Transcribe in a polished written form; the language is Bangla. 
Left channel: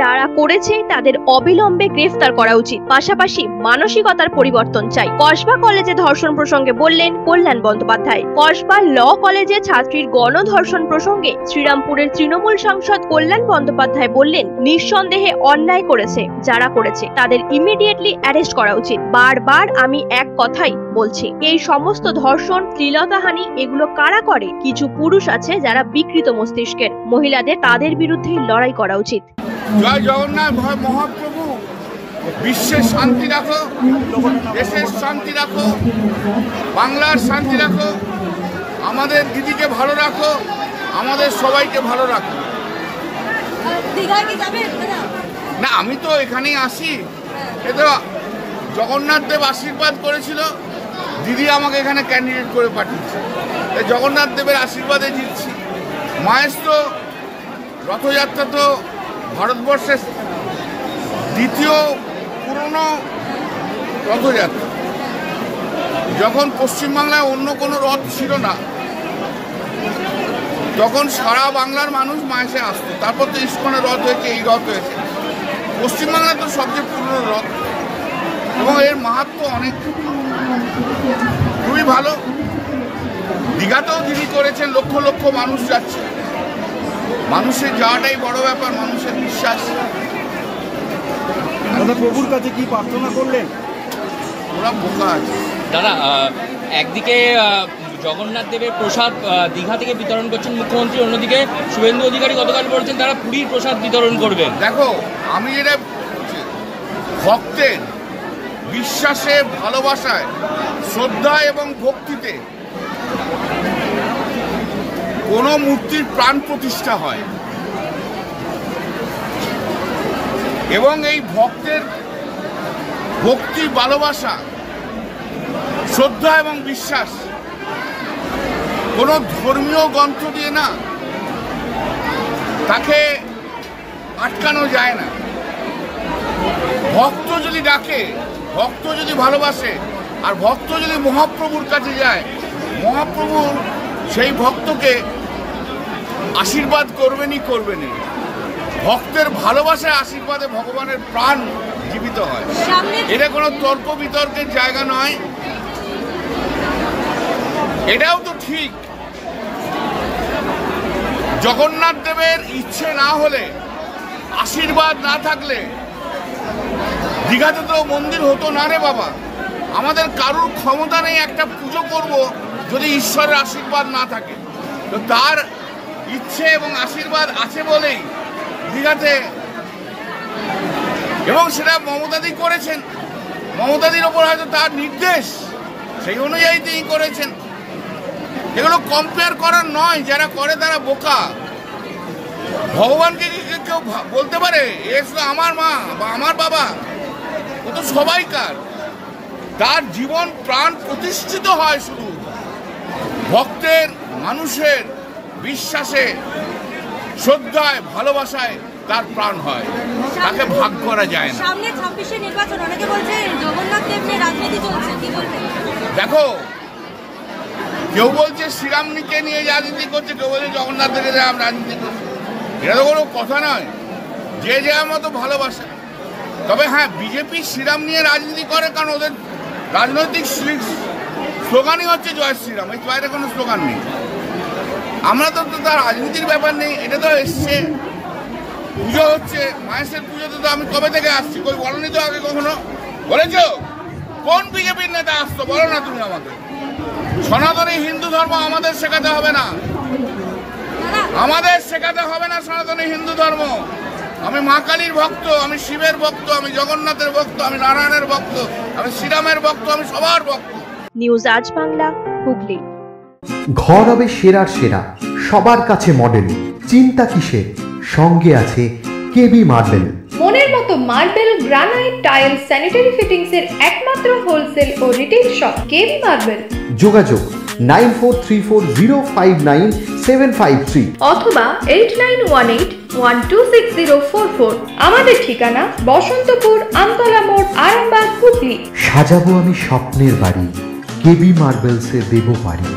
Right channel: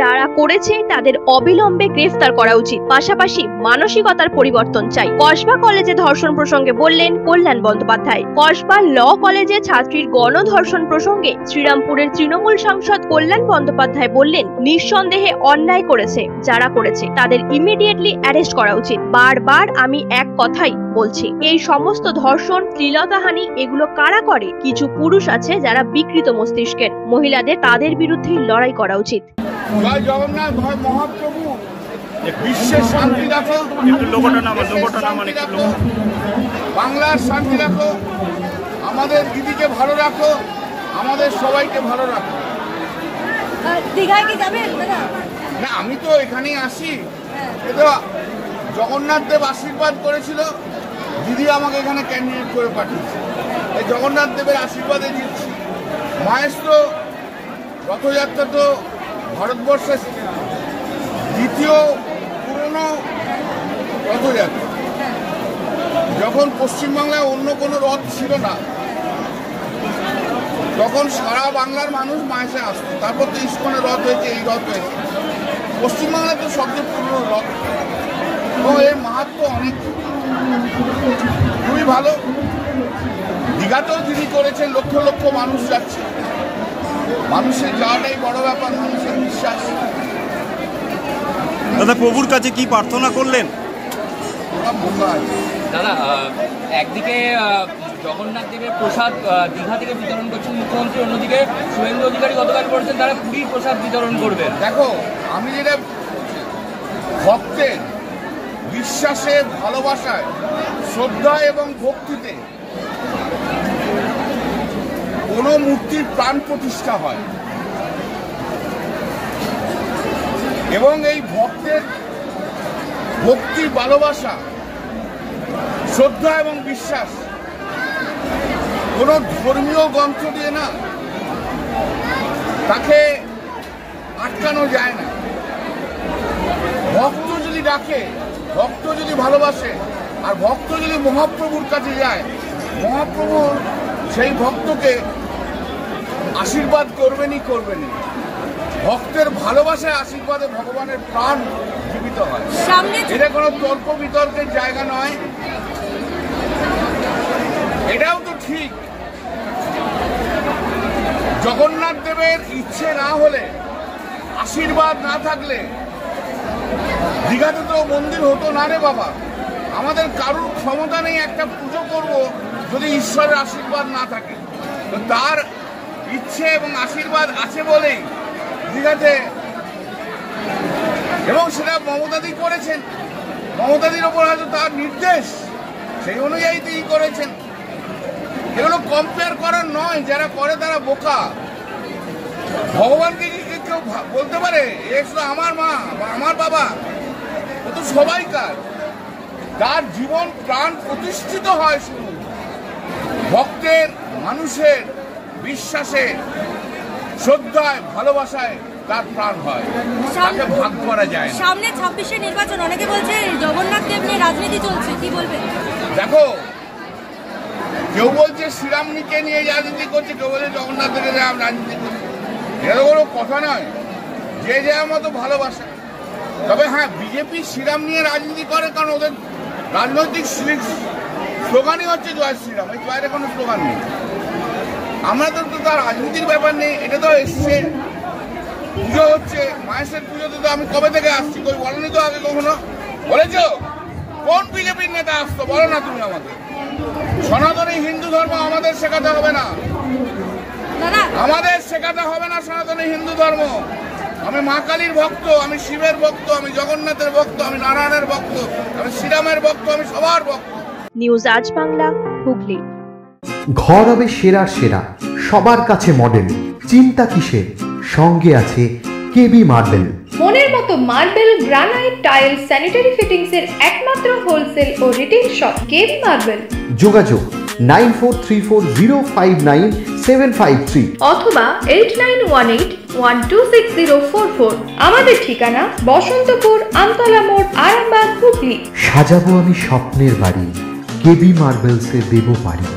যারা করেছে তাদের অবিলম্বে গ্রেফতার করা উচিত। পাশাপাশি মানসিকতার পরিবর্তন চাই। কসবা কলেজে ধর্ষণ প্রসঙ্গে বললেন কল্যাণ বন্দ্যোপাধ্যায়। কসবা ল কলেজে ছাত্রীর গণধর্ষণ প্রসঙ্গে শ্রীরামপুরের তৃণমূল সাংসদ কল্যাণ বন্দ্যোপাধ্যায় বললেন, নিঃসন্দেহে অন্যায় করেছে যারা করেছে তাদের ইমিডিয়েটলি অ্যারেস্ট করা উচিত। বারবার আমি এক কথাই বলছি, এই সমস্ত ধর্ষণ, শ্লীলতাহানি এগুলো কারা করে? কিছু পুরুষ আছে যারা বিকৃত মস্তিষ্কের। মহিলাদের তাদের বিরুদ্ধে লড়াই করা উচিত। জয় জগন্নাথ মহাপ্রভু, বিশ্বের শান্তি রাখো, শান্তি রাখো, বাংলার শান্তি রাখো, আমাদের দিদিকে ভালো রাখো, আমাদের সবাইকে ভালো রাখো। না, আমি তো এখানেই আসি। এ তো জগন্নাথ দেব আশীর্বাদ করেছিল, দিদি আমাকে এখানে ক্যান্ডিডেট করে পাঠিয়েছে। জগন্নাথ দেবের আশীর্বাদে জিতছি। মায়ের তো রথযাত্রা তো ভারতবর্ষের দ্বিতীয় পুরনো রথযাত্রা। যখন পশ্চিমবাংলায় অন্য কোনো রথ ছিল না, তখন সারা বাংলার মানুষ মায়েসে আসতো। তারপর তো ইস্কনের রথ হয়েছে, এই রথ হয়েছে। পশ্চিমবাংলায় তো সবচেয়ে পুরনো রথ এবং এর মাহাত্ম্য অনেক, খুবই ভালো। দীঘাতেও যিনি করেছেন, লক্ষ লক্ষ মানুষ যাচ্ছে। মানুষের যাওয়াটাই বড় ব্যাপার, মানুষের বিশ্বাস। দাদা, প্রভুর কাছে কি প্রার্থনা করলেন? ওরা বোকা আছে দাদা। একদিকে জগন্নাথ দেবের প্রসাদ দীঘা থেকে বিতরণ করছেন মুখ্যমন্ত্রী, অন্যদিকে শুভেন্দু অধিকারী গতকাল বলছেন তারা পুরীর প্রসাদ বিতরণ করবেন। দেখো, আমি যেটা ভক্তের বিশ্বাসে, ভালোবাসায়, শ্রদ্ধা এবং ভক্তিতে কোন মূর্তির প্রাণ প্রতিষ্ঠা হয় এবং এই ভক্তের ভক্তি, ভালোবাসা, শ্রদ্ধা এবং বিশ্বাস কোন ধর্মীয় গ্রন্থ দিয়ে না, তাকে আটকানো যায় না। ভক্ত যদি ডাকে, ভক্ত যদি ভালোবাসে, আর ভক্ত যদি মহাপ্রভুর কাছে যায়, মহাপ্রভুর সেই ভক্তকে আশীর্বাদ করবেনই করবেনই। ভক্তের ভালোবাসায়, আশীর্বাদে ভগবানের প্রাণ জীবিত হয়। এটা কোনো তর্ক বিতর্কের জায়গা নয়। এটাও তো ঠিক, জগন্নাথ দেবের ইচ্ছে না হলে, আশীর্বাদ না থাকলে দীঘাতে তো মন্দির হতো না রে বাবা। আমাদের কারুর ক্ষমতা নেই একটা পুজো করব যদি ঈশ্বরের আশীর্বাদ না থাকে। তো তার ইচ্ছে এবং আশীর্বাদ আছে বলেই দীঘাতে, এবং সেটা মমতাদি করেছেন। মমতাদির ওপর হয়তো তার নির্দেশ, সেই অনুযায়ী তিনি করেছেন। এগুলো কম্পেয়ার করার নয়, যারা করে তারা বোকা। ভগবানকে কেউ বলতে পারে এ শুধু আমার মা বা আমার বাবা? ও তো সবাইকার। তার জীবন প্রাণ প্রতিষ্ঠিত হয় শুধু ভক্তের, মানুষের বিশ্বাসে, শ্রদ্ধায়, ভালোবাসায় তার প্রাণ হয়, তাকে ভাগ করা যায় না। সামনে 26 নির্বাচন, অনেকে বলছে জগন্নাথ দেব নিয়ে রাজনীতি চলছে, কি বলবেন? দেখো, কেউ বলছে শ্রীরামকে নিয়ে রাজনীতি করছে, কেউ বলছে জগন্নাথ দেবকে রাজনীতি করছে। এটা তো কোনো কথা নয়, যে যার মতো ভালোবাসে। তবে হ্যাঁ, বিজেপি শ্রীরাম নিয়ে রাজনীতি করে, কারণ ওদের রাজনৈতিক স্লোগানই হচ্ছে জয় শ্রীরাম, এই বাইরে কোনো স্লোগান নেই। আমরা তো তার রাজনীতির ব্যাপার নেই। এটা তো এসছে, পুজো হচ্ছে, মায়ের পুজোতে তো আমি কবে থেকে আসছি, কই বলনি তো আগে কখনো? বলেছ কোন বিজেপির নেতা আসতো? বলো না তুমি আমাকে। সনাতনী হিন্দু ধর্ম আমাদের শেখাতে হবে না, আমাদের শেখাতে হবে না সনাতনী হিন্দু ধর্ম। আমি মা কালীর ভক্ত, আমি শিবের ভক্ত, আমি জগন্নাথের ভক্ত, আমি নারায়ণের ভক্ত, আমি শ্রীরামের ভক্ত, আমি সবার ভক্ত। নিউজ আজ বাংলা, হুগলি। ঘর হবে সেরার সেরা, সবার কাছে মডেল। চিন্তা কিসের? সঙ্গে আছে কেবি মার্বেল। মনের মতো marble, granite, tile, sanitary fittings এর একমাত্র হোলসেল ও রিটেল শপ কেবি মার্বেল। যোগাযোগ 9434059753 অথবা 8918126044। আমাদের ঠিকানা বসন্তপুর, আমতলা মোড়, আরামবাগ, হুগলি। সাজাবো আমি স্বপ্নের বাড়ি, কেবি মার্বেলসে দেবো বাড়ি।